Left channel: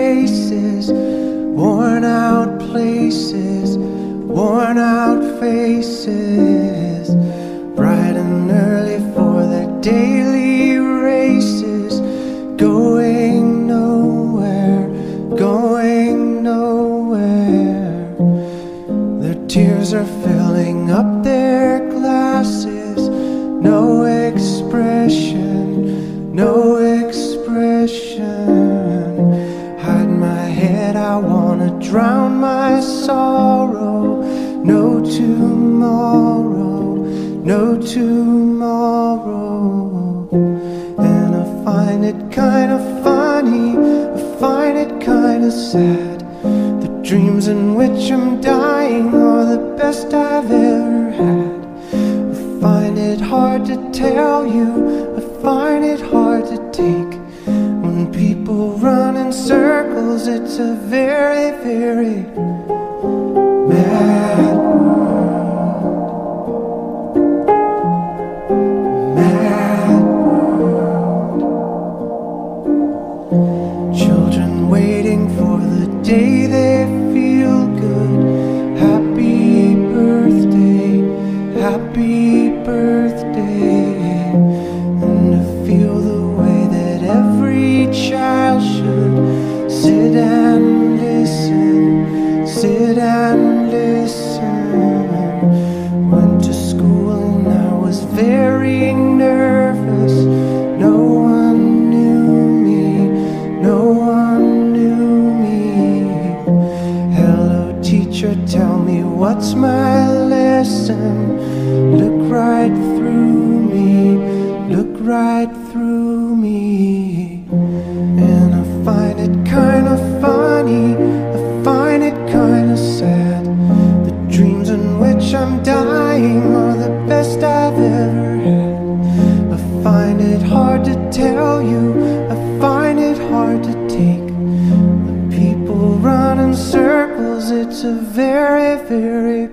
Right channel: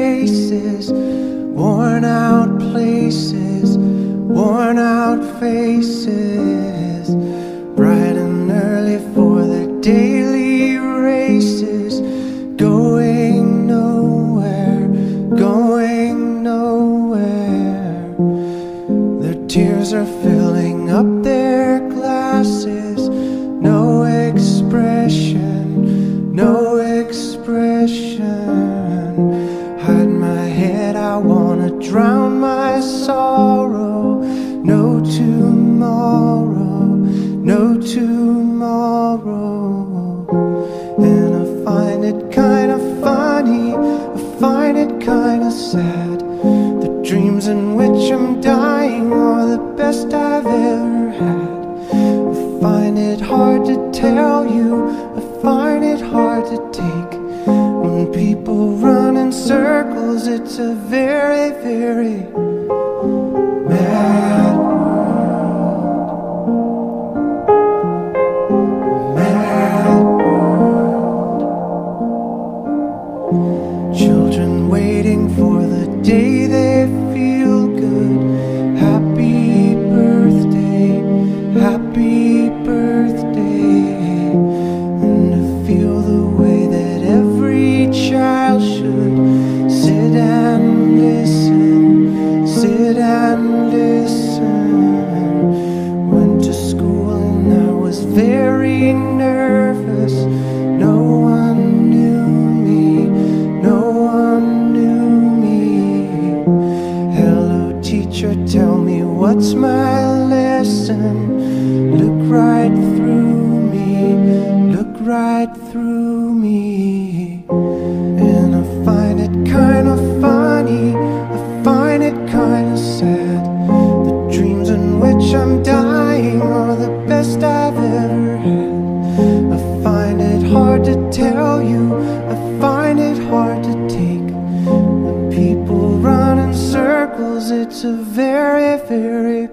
faces, worn out places, worn out faces, bright and early for their daily races, going nowhere, going nowhere. Their tears are filling up their glasses, no expression, no expression. Hide my head, I wanna drown my sorrow. No tomorrow, no tomorrow. And I find it kinda funny, I find it kinda sad. The dreams in which I'm dying are the best I've ever had. I find it hard to tell you, I find it hard to take. When people run in circles, it's a very, very mad world. Mad world. Children waiting for the day they feel good. Happy birthday, happy birthday. And to feel the way that every child should sit and listen, sit and listen. Went to school and I was very nervous. No one knew me, no one knew me. Hello teacher, tell me what's my lesson. Look right through me, look right through me. And I find it kinda funny, I find it kinda sad. The dreams in which I'm dying are the best I've ever had. I find it hard to tell you, I find it hard to take. When people run in circles, it's a very, very